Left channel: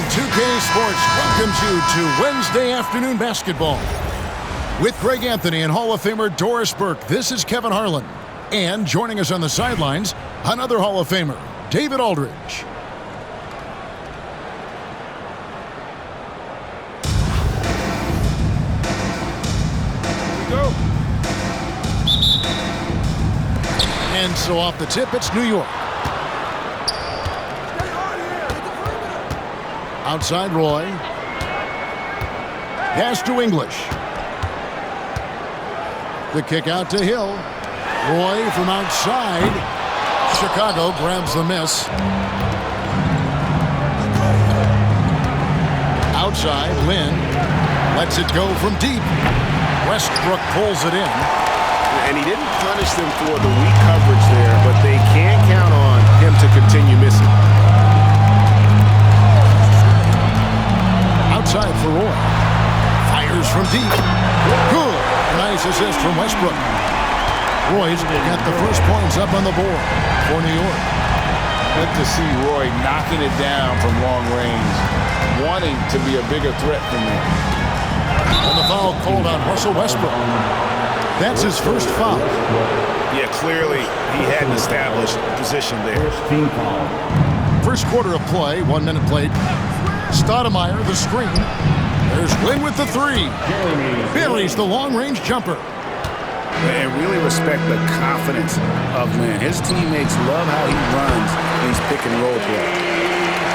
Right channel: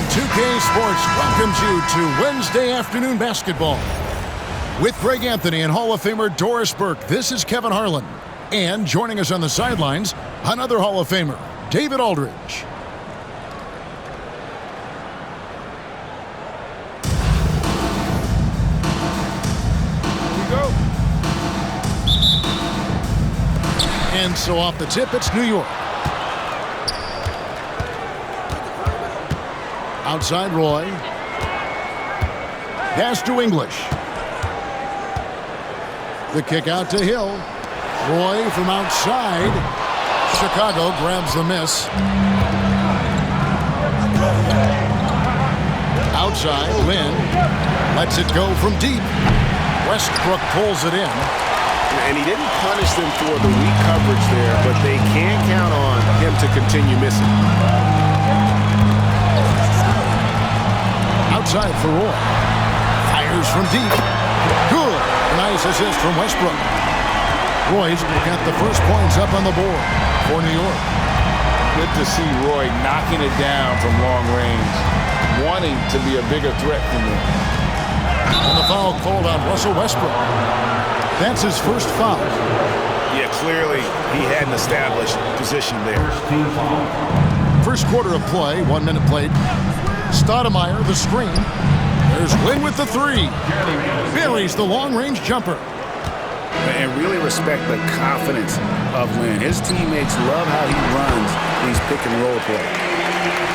And 2K Sports welcomes you to Wednesday afternoon basketball. With Greg Anthony and Hall of Famer Doris Burke, this is Kevin Harlan. And joining us on the sidelines, another Hall of Famer, David Aldridge. Here we go. And so off the tip, it's New York. Outside Roy. Pass to English. The kick out to Hill. Roy from outside. Chicago grabs the miss. Outside, Lynn lets it go from deep. Westbrook pulls it in. And he didn't punish them for the weak coverage there, but they can't count on him to continue missing. Outside for Roy. Fires from deep. Good. Nice assist from Westbrook. Roy's got the first points up on the board for New York. Good to see Roy knocking it down from long range, wanting to be a bigger threat from there. And the foul called on Russell Westbrook. That's his first foul. Yeah, clearly he hadn't established position there. First quarter of play, 1 minute played. Stoudemire, the screen. There's Lynn with the three. Buries the long-range jumper. And really respect the confidence of Lynn. His teammates love how he runs these pick-and-roll plays.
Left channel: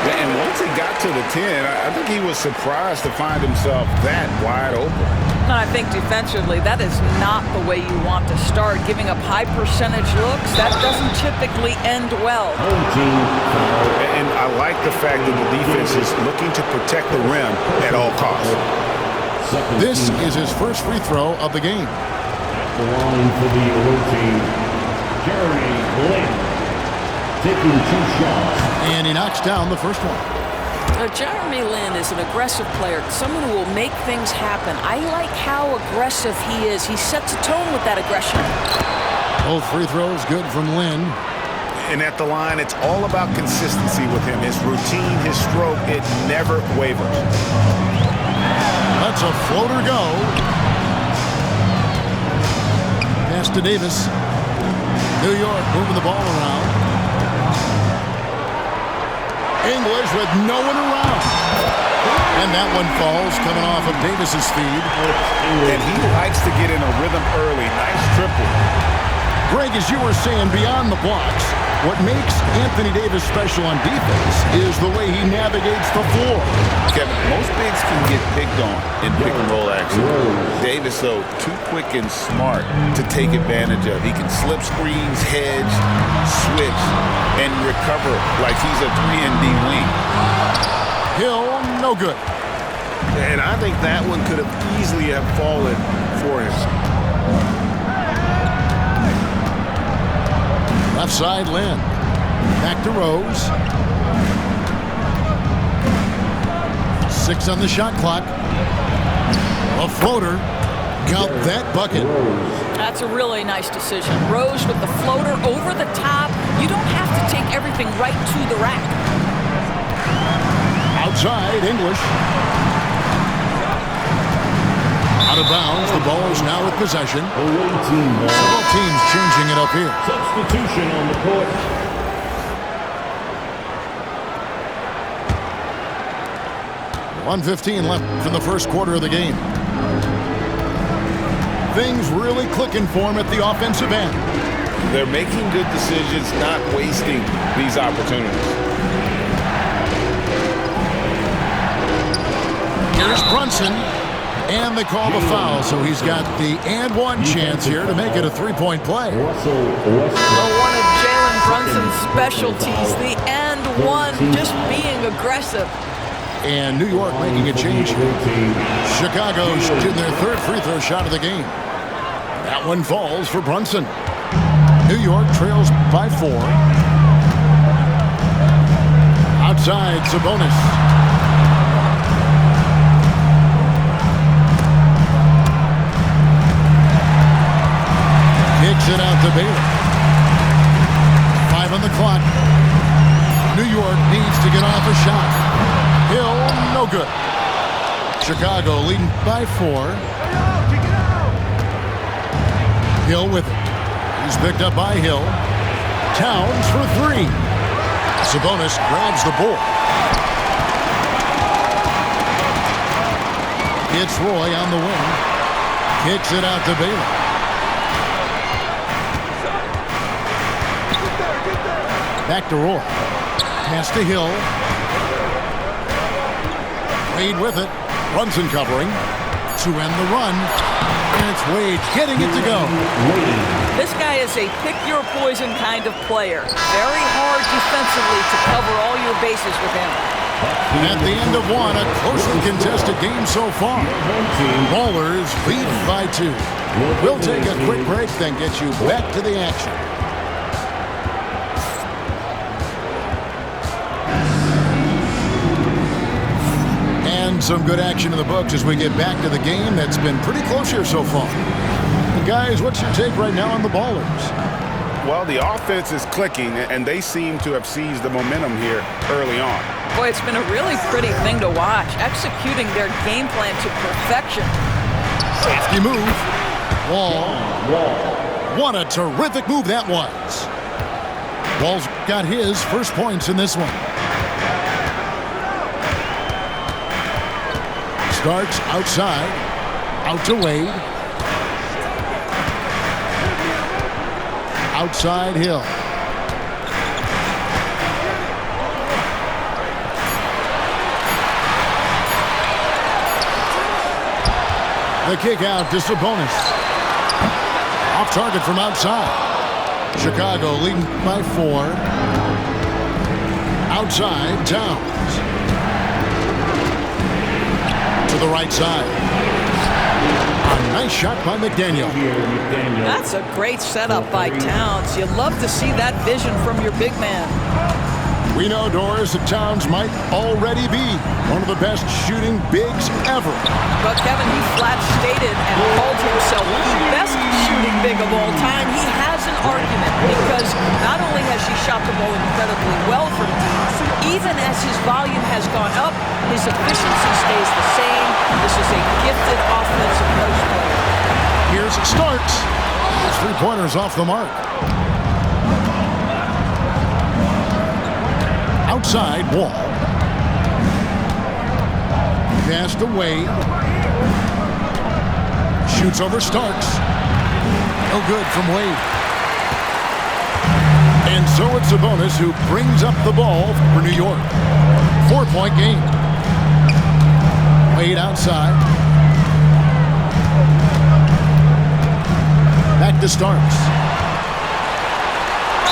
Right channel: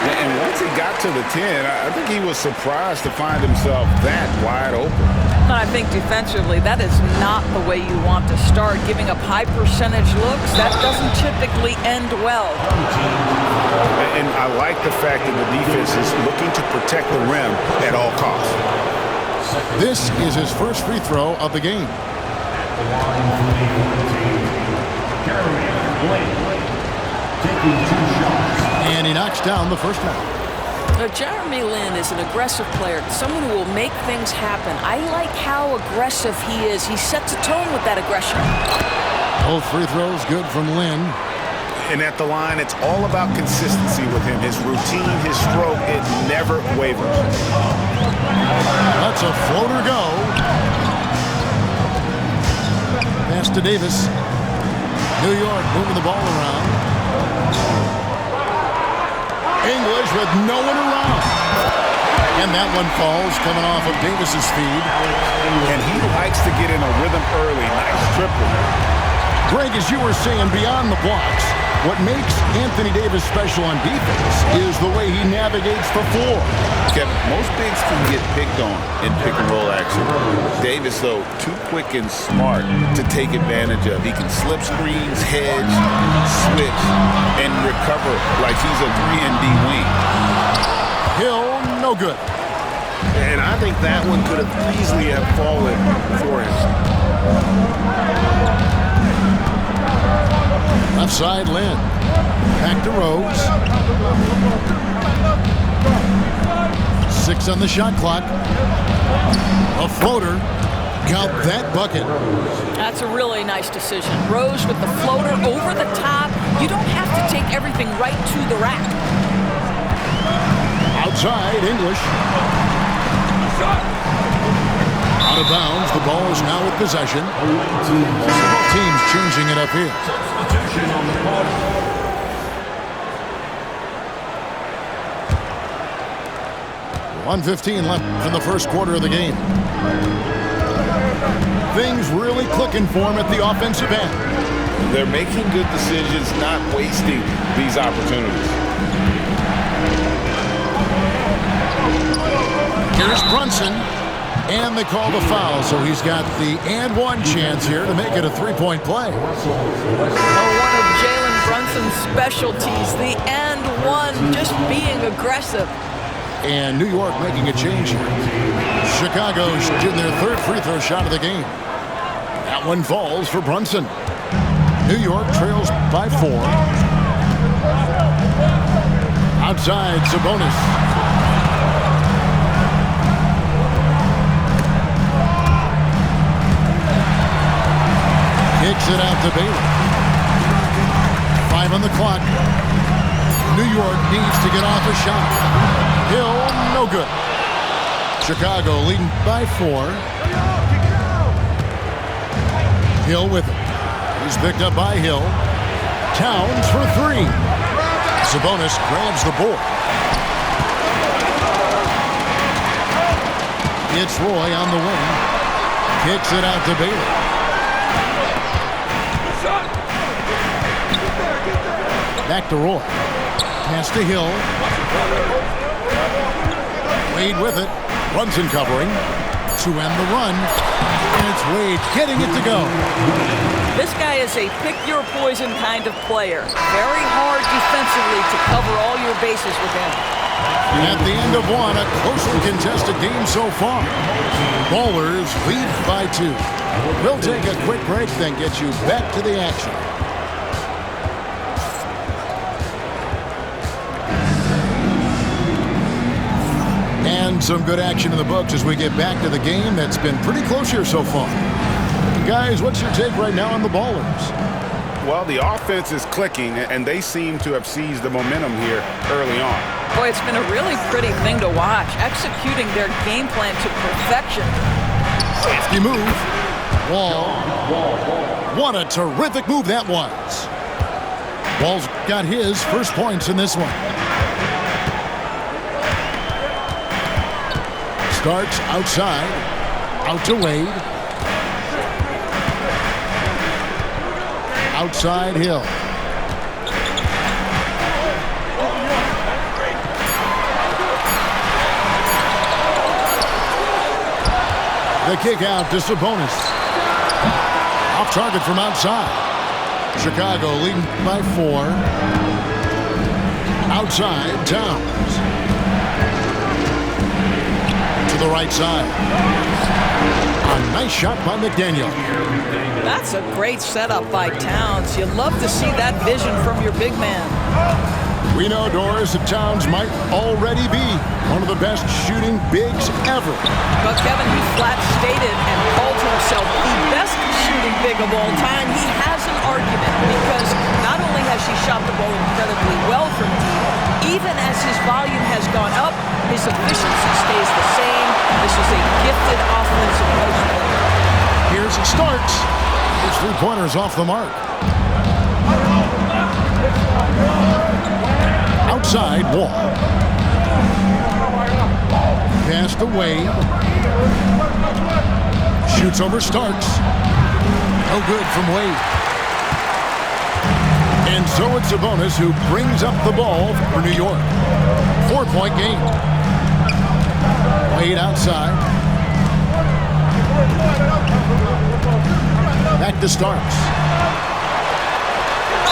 And once he got to the 10, I think he was surprised to find himself that wide open. And I think defensively, that is not the way you want to start. Giving up high percentage looks, that doesn't typically end well. And I like the fact that the defense is looking to protect the rim at all costs. This is his first free throw of the game. The line for the away team, Jeremy Lin, taking 2 shots. And he knocks down the first one. Now, Jeremy Lin is an aggressive player, someone who will make things happen. I like how aggressive he is. He sets a tone with that aggression. Both free throws good from Lin. And at the line, it's all about consistency with him. His routine, his stroke, it never wavers. Lets a floater go. Pass to Davis. New York moving the ball around. English with no one around. And that one falls coming off of Davis's feed. And he likes to get in a rhythm early. Nice triple. Greg, as you were saying, beyond the blocks, what makes Anthony Davis special on defense is the way he navigates the floor. Kevin, most bigs can get picked on in pick-and-roll action. Davis, though, too quick and smart to take advantage of. He can slip screens, hedge, switch, and recover like he's a 3-and-D wing. Hill, no good. And I think that one could have easily have fallen for him. Left side, Lynn. Back to Rose. 6 on the shot clock. A floater. Count that bucket. That's a really nice decision. Rose with the floater over the top. You don't have to take everything right to the rack. Outside, English. Out of bounds. The ball is now with possession. Several teams changing it up here. Substitution on the court. .115 left in the first quarter of the game. Things really clicking for him at the offensive end. They're making good decisions, not wasting these opportunities. Here's Brunson. And they call the foul, so he's got the and-one chance here to make it a 3-point play. One of Jalen Brunson's specialties, the and-one, just being aggressive. And New York making a change here. Chicago shooting their third free throw shot of the game. That one falls for Brunson. New York trails by 4. Outside, Sabonis. Kicks it out to Baylor. 5 on the clock. New York needs to get off a shot. Hill, no good. Chicago leading by 4. Hill with it. He's picked up by Hill. Towns for 3. Sabonis grabs the board. It's Roy on the wing. Kicks it out to Baylor. Back to Roy. Pass to Hill. Wade with it. Brunson covering to end the run. And it's Wade getting it to go. This guy is a pick-your-poison kind of player. Very hard defensively to cover all your bases with him. At the end of one, a closely contested game so far. Ballers lead by 2. We'll take a quick break, then get you back to the action. And some good action in the books as we get back to the game that's been pretty close here so far. And guys, what's your take right now on the Ballers? Well, the offense is clicking, and they seem to have seized the momentum here early on. Boy, it's been a really pretty thing to watch, executing their game plan to perfection. Safety move. Wall. What a terrific move that was. Wall's got his first points in this one. Starks outside. Out to Wade. Outside Hill. The kick out to Sabonis. Off target from outside. Chicago leading by 4. Outside Towns. To the right side. A nice shot by McDaniel. That's a great setup by Towns. You love to see that vision from your big man. We know, Doris, that Towns might already be one of the best shooting bigs ever. But Kevin, he flat stated and called himself the best shooting big of all time. He has an argument because not only has he shot the ball incredibly well from deep, even as his volume has gone up, his efficiency stays the same. This is a gifted offensive post player. Here's Starks. His 3-pointers off the mark. Outside Wall. Pass to Wade. Shoots over Starks. No good from Wade. And so it's Sabonis who brings up the ball for New York. 4-point game. Wade outside. Back to Starks.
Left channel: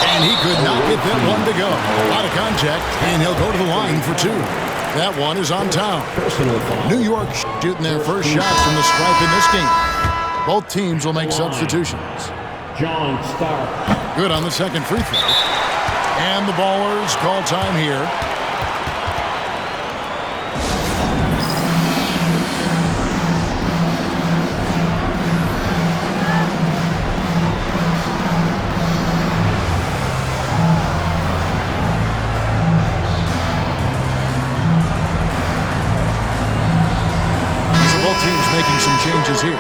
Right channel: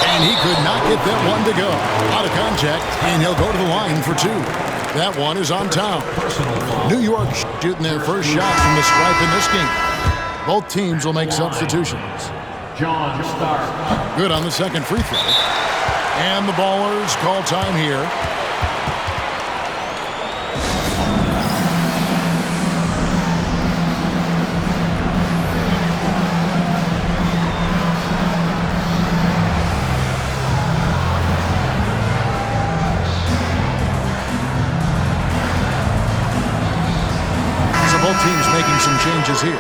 And he could not get that one to go. A lot of contact, and he'll go to the line for 2. That one is on Town. New York shooting their first shots from the stripe in this game. Both teams will make substitutions. John Stark. Good on the second free throw. And the Ballers call time here. Both teams making some changes here.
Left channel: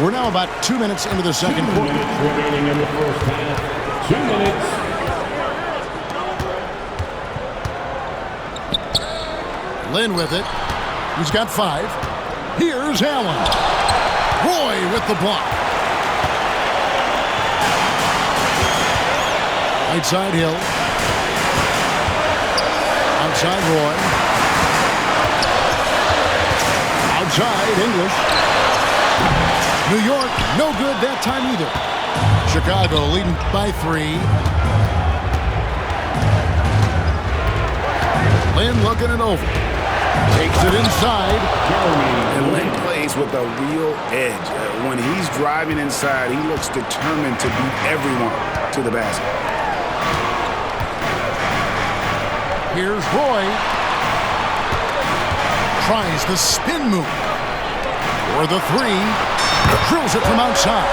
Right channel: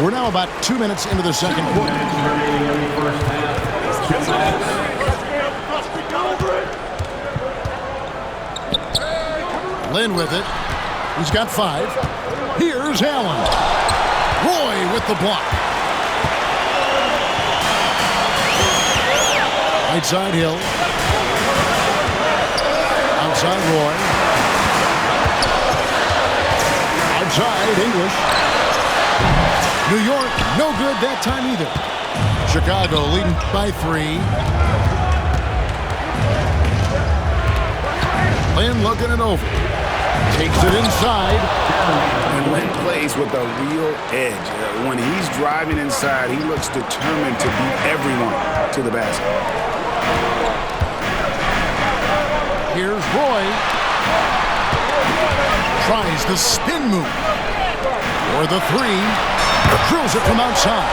We're now about 2 minutes into the second quarter. 2 minutes remaining in the first half. 2 minutes. Lynn with it. He's got 5. Here's Allen. Roy with the block. Right side Hill. Outside Roy. Outside English. New York, no good that time either. Chicago leading by 3. Lynn looking it over. Takes it inside. And Lynn plays with a real edge. When he's driving inside, he looks determined to beat everyone to the basket. Here's Roy. Tries the spin move. For the 3. Drills it from outside.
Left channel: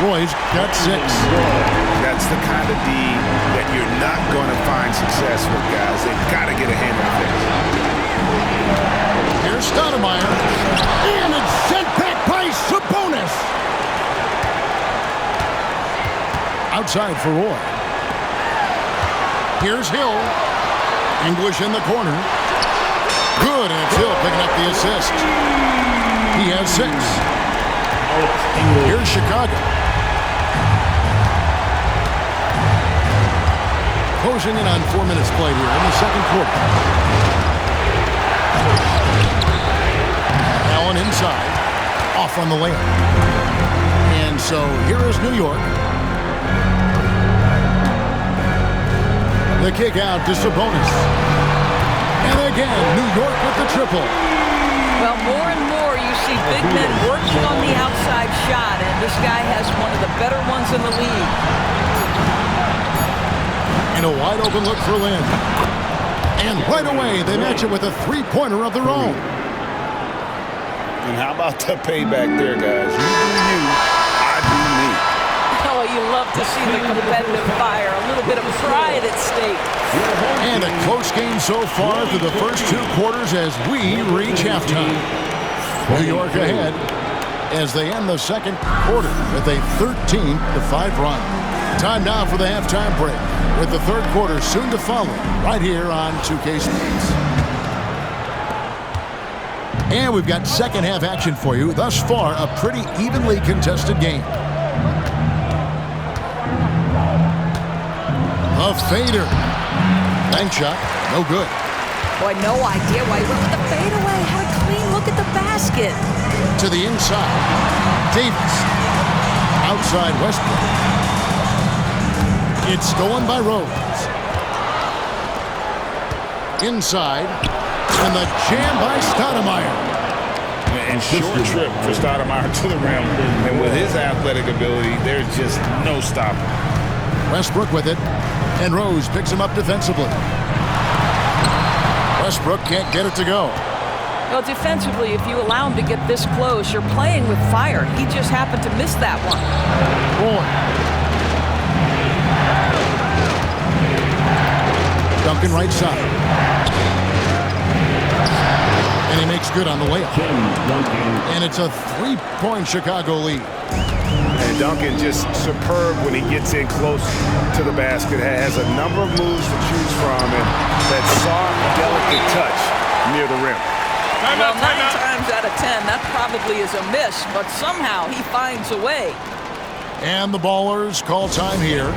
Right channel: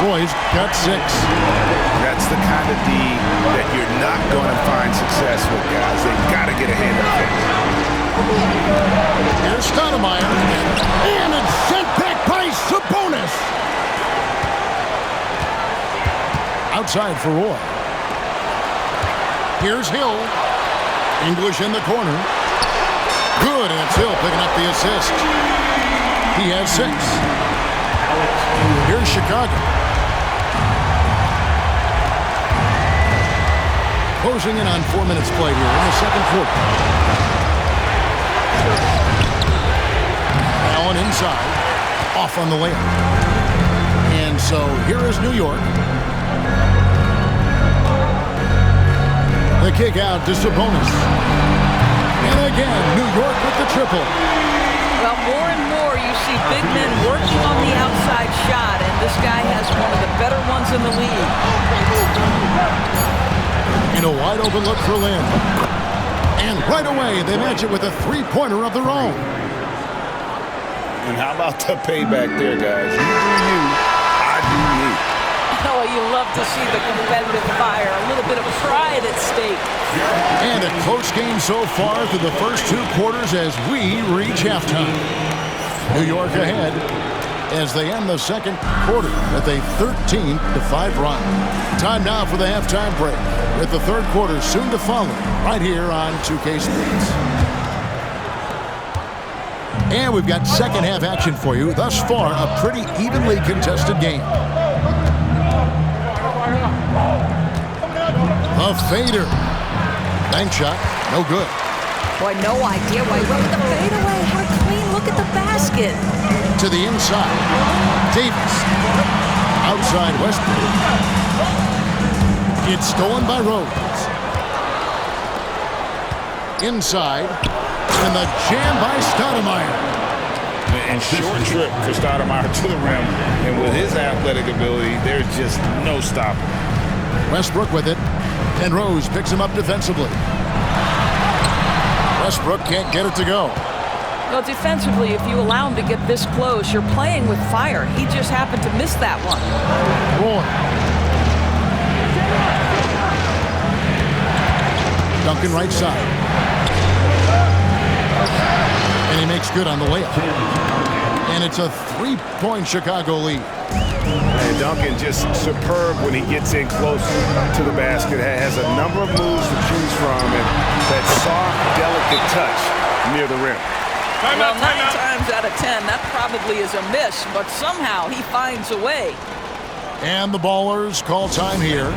Roy's got 6. That's the kind of D that you're not going to find success with, guys. They've got to get a hand in the face. Here's Stoudemire. And it's sent back by Sabonis. Outside for Roy. Here's Hill. English in the corner. Good, and it's Hill picking up the assist. He has 6. Here's Chicago. Closing in on 4 minutes played here in the second quarter. Allen inside. Off on the layup. And so here is New York. The kick out to Sabonis. And again, New York with the triple. Well, more and more you see big men working on the outside shot, and this guy has one of the better ones in the league. And a wide open look for Lynn. And right away, they match it with a three-pointer of their own. And how about the payback there, guys? You do you, I do me. Oh, you love to see the competitive fire, a little bit of pride at stake. And a close game so far through the first 2 quarters as we reach halftime. New York ahead as they end the second quarter with a 13-5 run. Time now for the halftime break, with the third quarter soon to follow right here on 2K Sports. And we've got second half action for you. Thus far, a pretty evenly contested game. The fader. Bank shot, no good. Boy, no idea why he went with the fadeaway. Had a clean look at the basket. To the inside. Davis. Outside Westbrook. It's stolen by Rose. Inside. And the jam by Stoudemire. And short trip for Stoudemire to the rim. And with his athletic ability, there's just no stopping. Westbrook with it. And Rose picks him up defensively. Westbrook can't get it to go. Well, defensively, if you allow him to get this close, you're playing with fire. He just happened to miss that one. Roy. Duncan right side. And he makes good on the layup. And it's a 3-point Chicago lead. And Duncan just superb when he gets in close to the basket. Has a number of moves to choose from, and that soft, delicate touch near the rim. Well, 9 times out of 10, that probably is a miss, but somehow he finds a way. And the Ballers call time here.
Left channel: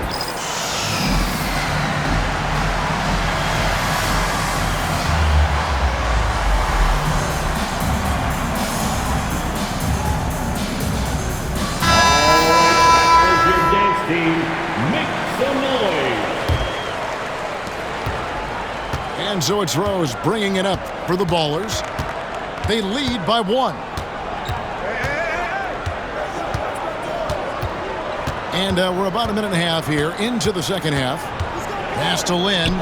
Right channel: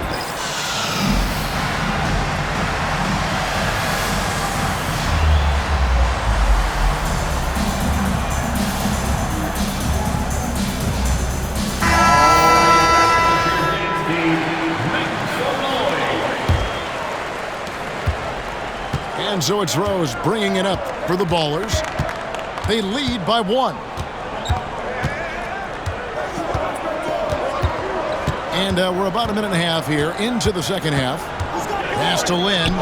And so it's Rose bringing it up for the Ballers. They lead by 1. And we're about a minute and a half here into the second half. Pass to Lynn.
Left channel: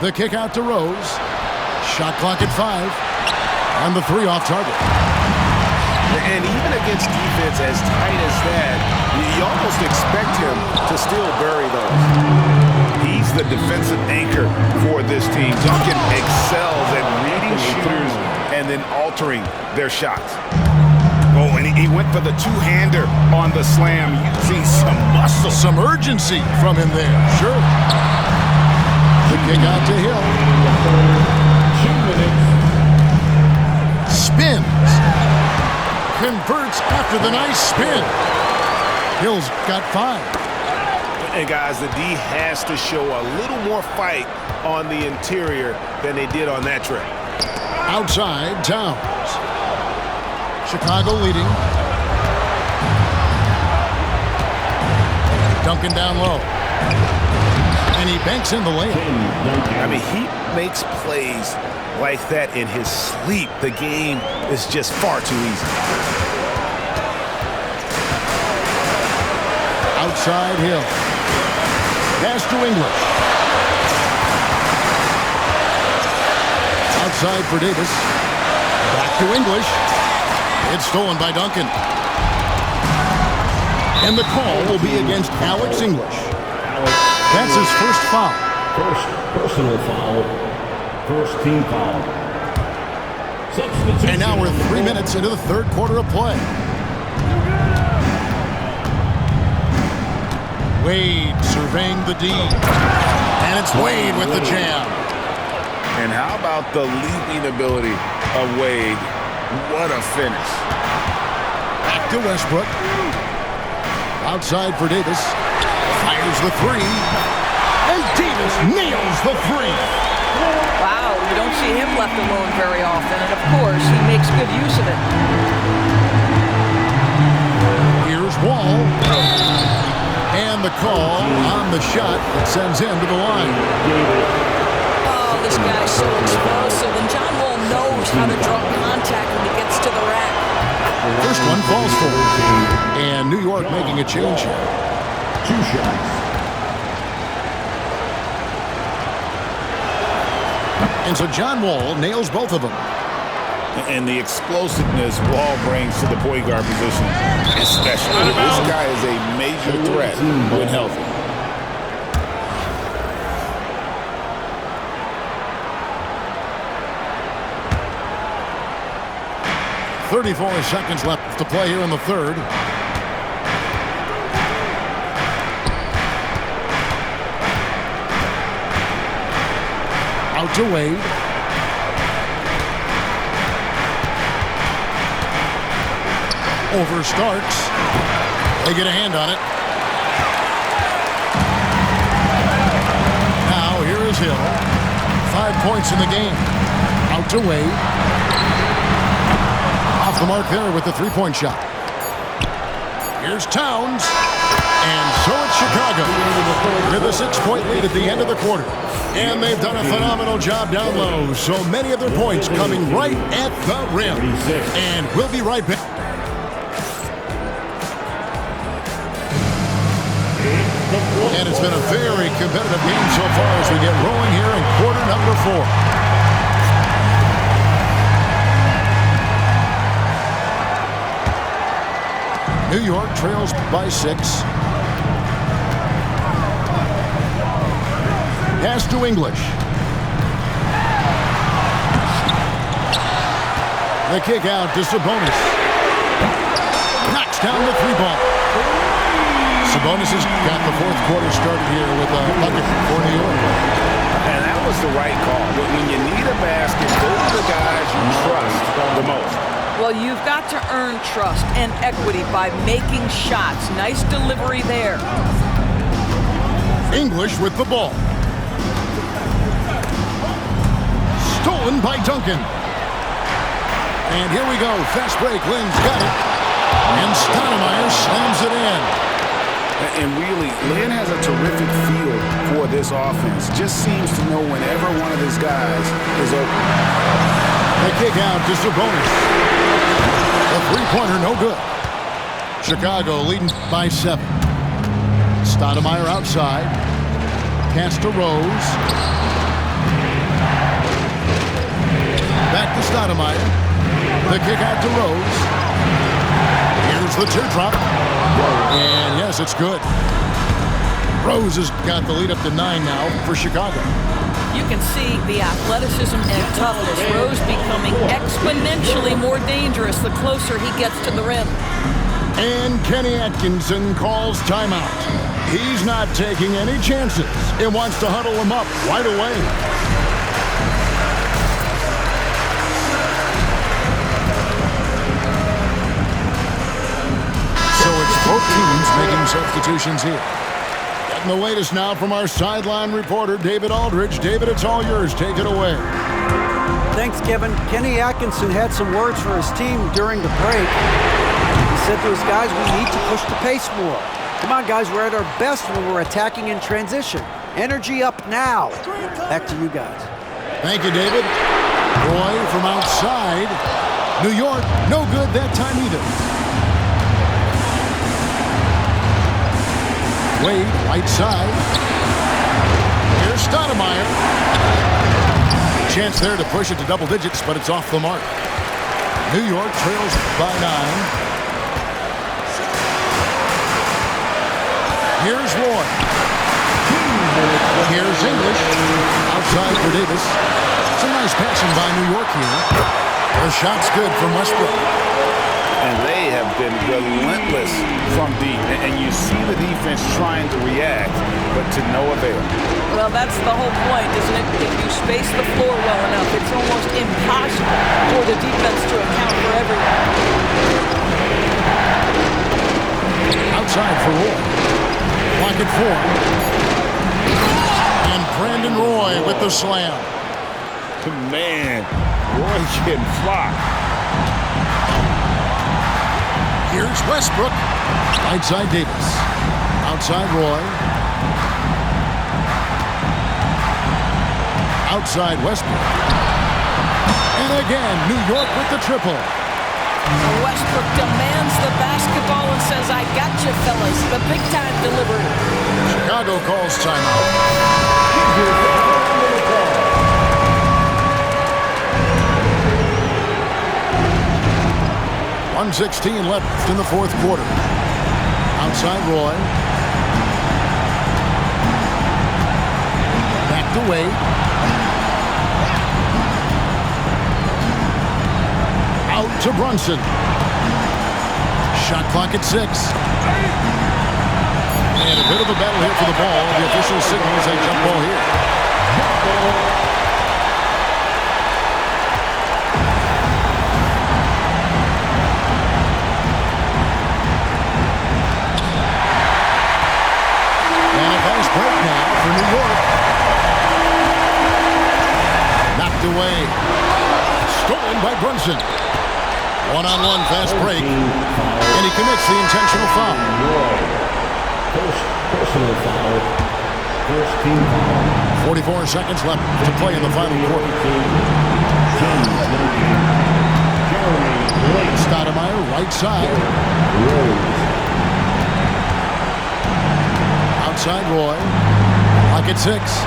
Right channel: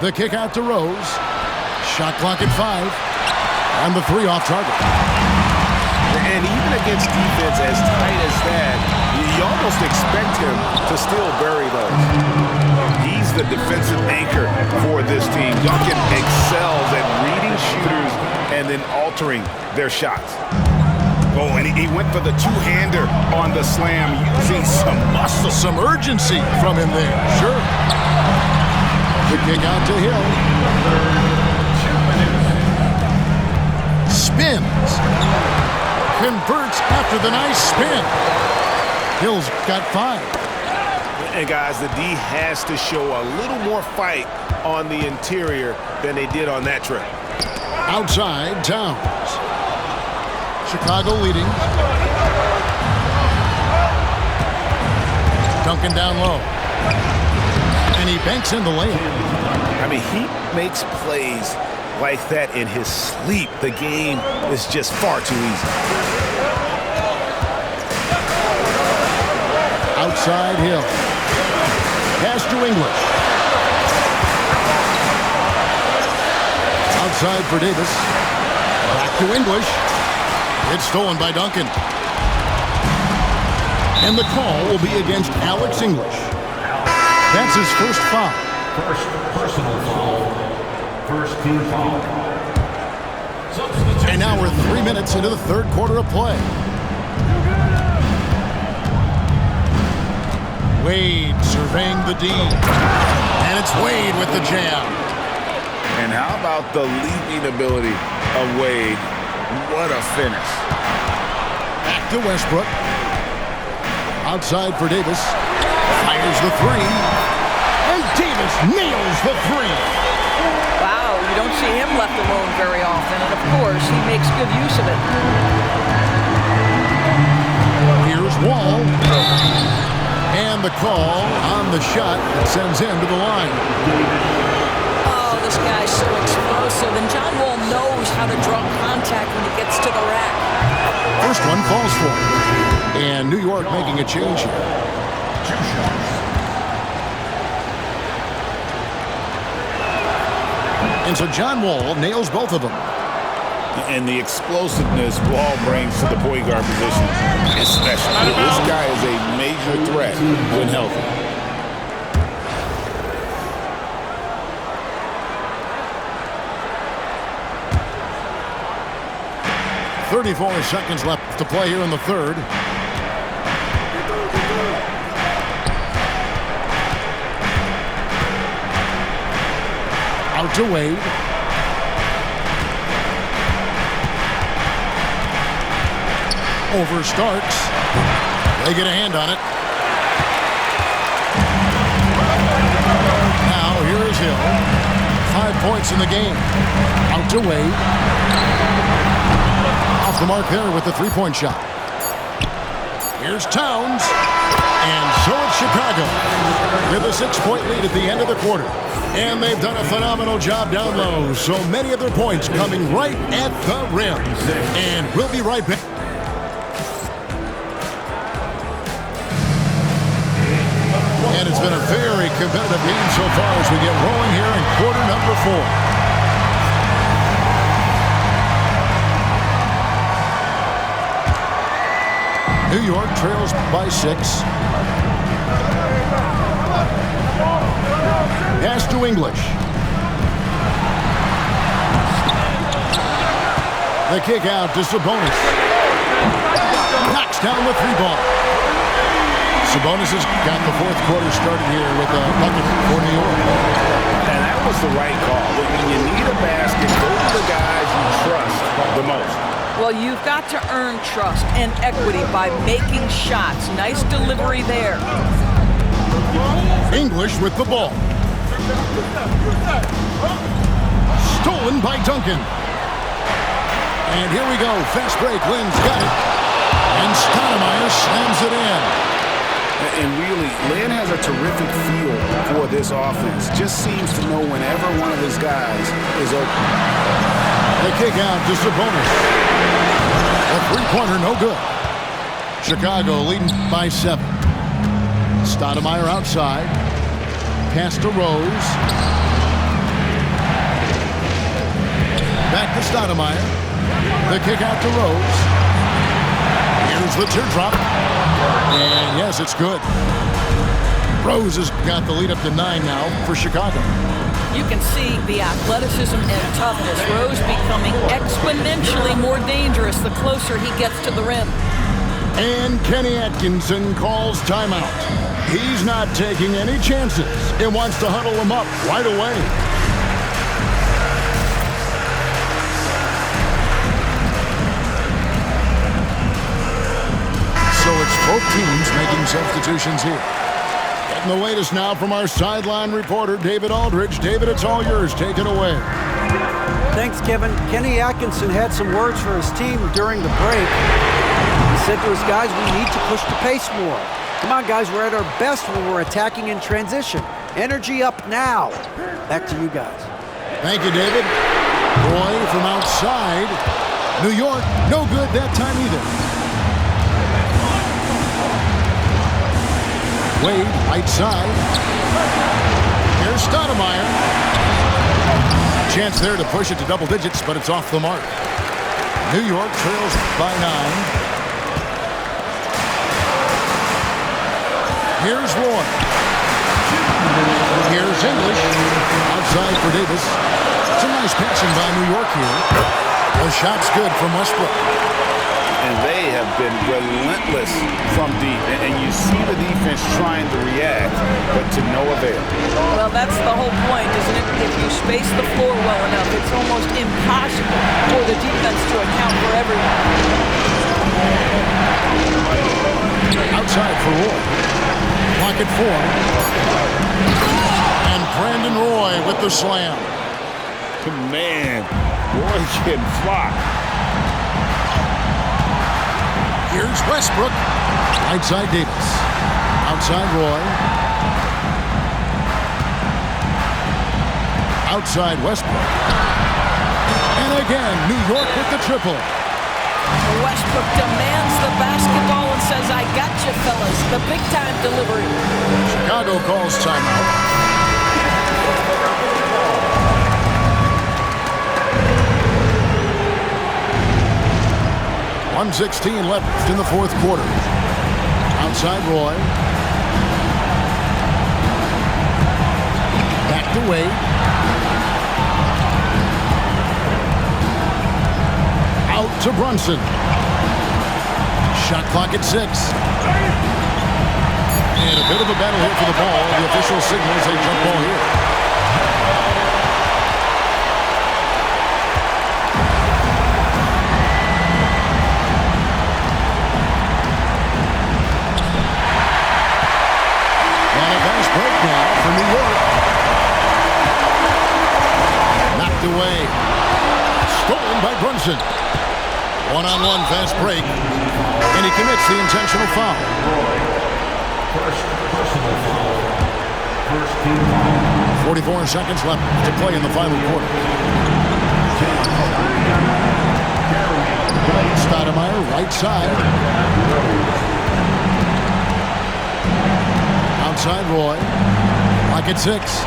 The kick out to Rose. Shot clock at 5. And the 3 off target. And even against defense as tight as that, you almost expect him to still bury those. He's the defensive anchor for this team. Duncan excels at reading shooters and then altering their shots. Oh, and he went for the two-hander on the slam, using some muscle. Some urgency from him there, sure. The kick out to Hill. 2 minutes. Spins. Converts after the nice spin. Hill's got 5. And guys, the D has to show a little more fight on the interior than they did on that trip. Outside, Towns. Chicago leading. Duncan down low. And he banks in the layup. I mean, he makes plays like that in his sleep. The game is just far too easy. Outside Hill. Pass to English. Outside for Davis. Back to English. It's stolen by Duncan. And the call will be against Alex English. That's his first foul. First personal foul. First team foul. Substitution. And now we're 3 minutes into the third quarter of play. Wade surveying the D. And it's Wade with the jam. And how about the leaping ability of Wade? What a finish. Back to Westbrook. Outside for Davis. Fires the three. And Davis nails the three. Wow, you don't see him left alone very often, and of course, he makes good use of it. Here's Wall. And the call on the shot that sends him to the line. Oh, this guy's so explosive, and John Wall knows how to draw contact when he gets to the rack. First one falls for him. And New York making a change here. 2 shots. And so John Wall nails both of them. And the explosiveness Wall brings to the point guard position is special. This guy is a major threat when healthy. .34 seconds left to play here in the third. Out to Wade. Over Starks. They get a hand on it. Now here is Hill. 5 points in the game. Out to Wade. Off the mark there with the three-point shot. Here's Towns. And so it's Chicago with a 6-point lead at the end of the quarter. And they've done a phenomenal job down low. So many of their points coming right at the rim. And we'll be right back. And it's been a very competitive game so far as we get rolling here in quarter number 4. New York trails by 6. Pass to English. The kick out to Sabonis. Knocks down the 3-ball. Sabonis has got the fourth quarter started here with a bucket for New York. And that was the right call. When you need a basket, go to the guys you trust the most. Well, you've got to earn trust and equity by making shots. Nice delivery there. English with the ball. Stolen by Duncan. And here we go. Fast break. Lynn's got it. And Stoudemire slams it in. And really, Lynn has a terrific feel for this offense. Just seems to know whenever one of his guys is open. The kick out to Sabonis. The three-pointer no good. Chicago leading by 7. Stoudemire outside. Pass to Rose. Back to Stoudemire. The kick out to Rose. Here's the teardrop. And yes, it's good. Rose has got the lead up to 9 now for Chicago. You can see the athleticism and toughness. Rose becoming exponentially more dangerous the closer he gets to the rim. And Kenny Atkinson calls timeout. He's not taking any chances and wants to huddle him up right away. So it's both teams making substitutions here. Getting the latest now from our sideline reporter, David Aldridge. David, it's all yours. Take it away. Thanks, Kevin. Kenny Atkinson had some words for his team during the break. He said to his guys, we need to push the pace more. Come on, guys, we're at our best when we're attacking in transition. Energy up now. Back to you guys. Thank you, David. Roy from outside. New York, no good that time either. Wade, right side. Here's Stoudemire. Chance there to push it to double digits, but it's off the mark. New York trails by 9. Here's Roy. Here's English. Outside for Davis. Some nice passing by New York here. The shot's good from Westbrook. And they have been relentless from deep. And you see the defense trying to react, but to no avail. Well, that's the whole point, isn't it? If you space the floor well enough, it's almost impossible for the defense to account for everyone. Outside for Roy. Clock at 4. And Brandon Roy with the slam. Man, Roy can fly. Here's Westbrook. Right side Davis. Outside Roy. Outside Westbrook. And again, New York with the triple. Westbrook demands the basketball and says, I got you, fellas. The big-time delivery. Chicago calls timeout. 1:16 left in the fourth quarter. Outside Roy. Back to Wade. Out to Brunson. Shot clock at 6. And a bit of a battle here for the ball. The official signals a jump ball here. And a fast break now for New York. Knocked away. Stolen by Brunson. One-on-one fast break. And he commits the intentional foul. First personal foul. First team foul. 44 seconds left to play in the final quarter. Stoudemire, right side. Outside Roy. Clock at 6.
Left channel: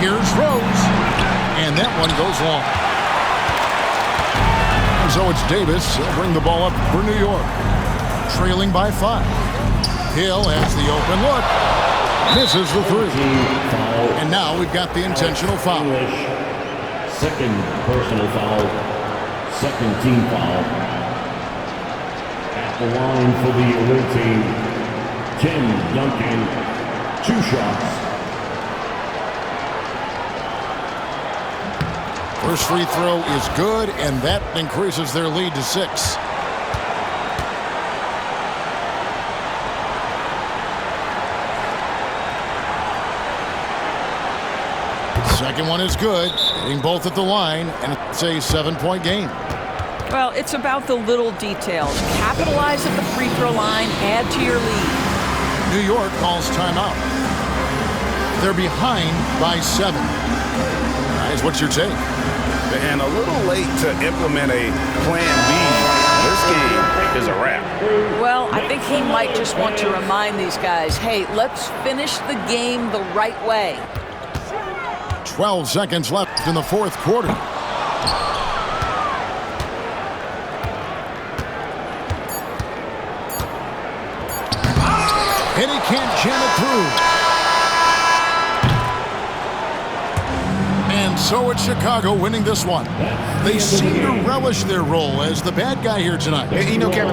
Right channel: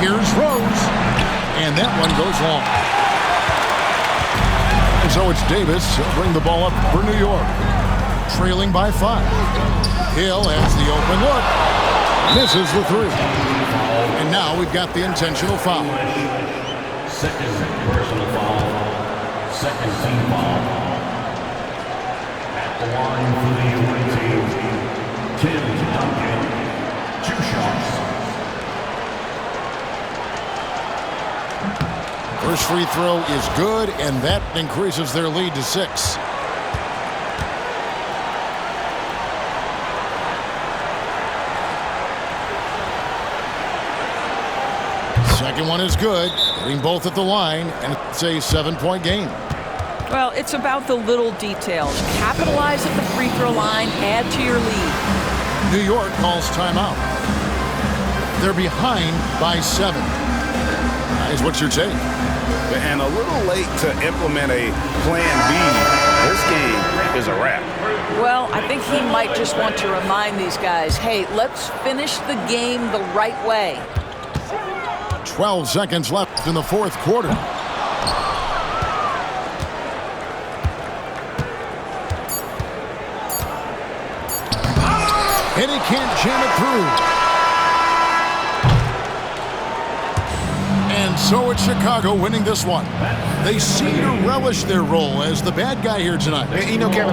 Here's Rose. And that one goes long. And so it's Davis. He'll bring the ball up for New York. Trailing by 5. Hill has the open look. Misses the 3. And now we've got the intentional foul. Second personal foul. Second team foul. At the line for the away team, Tim Duncan. 2 shots. First free throw is good, and that increases their lead to 6. Second one is good, hitting both at the line, and it's a 7-point game. Well, it's about the little details. Capitalize at the free throw line, add to your lead. New York calls timeout. They're behind by 7. Guys, what's your take? And a little late to implement a plan B. This game is a wrap. Well, I think he might just want to remind these guys, hey, let's finish the game the right way. 12 seconds left in the fourth quarter. And he can't jam it through. And so it's Chicago winning this one. They seem to relish their role as the bad guy here tonight. You know, Kevin,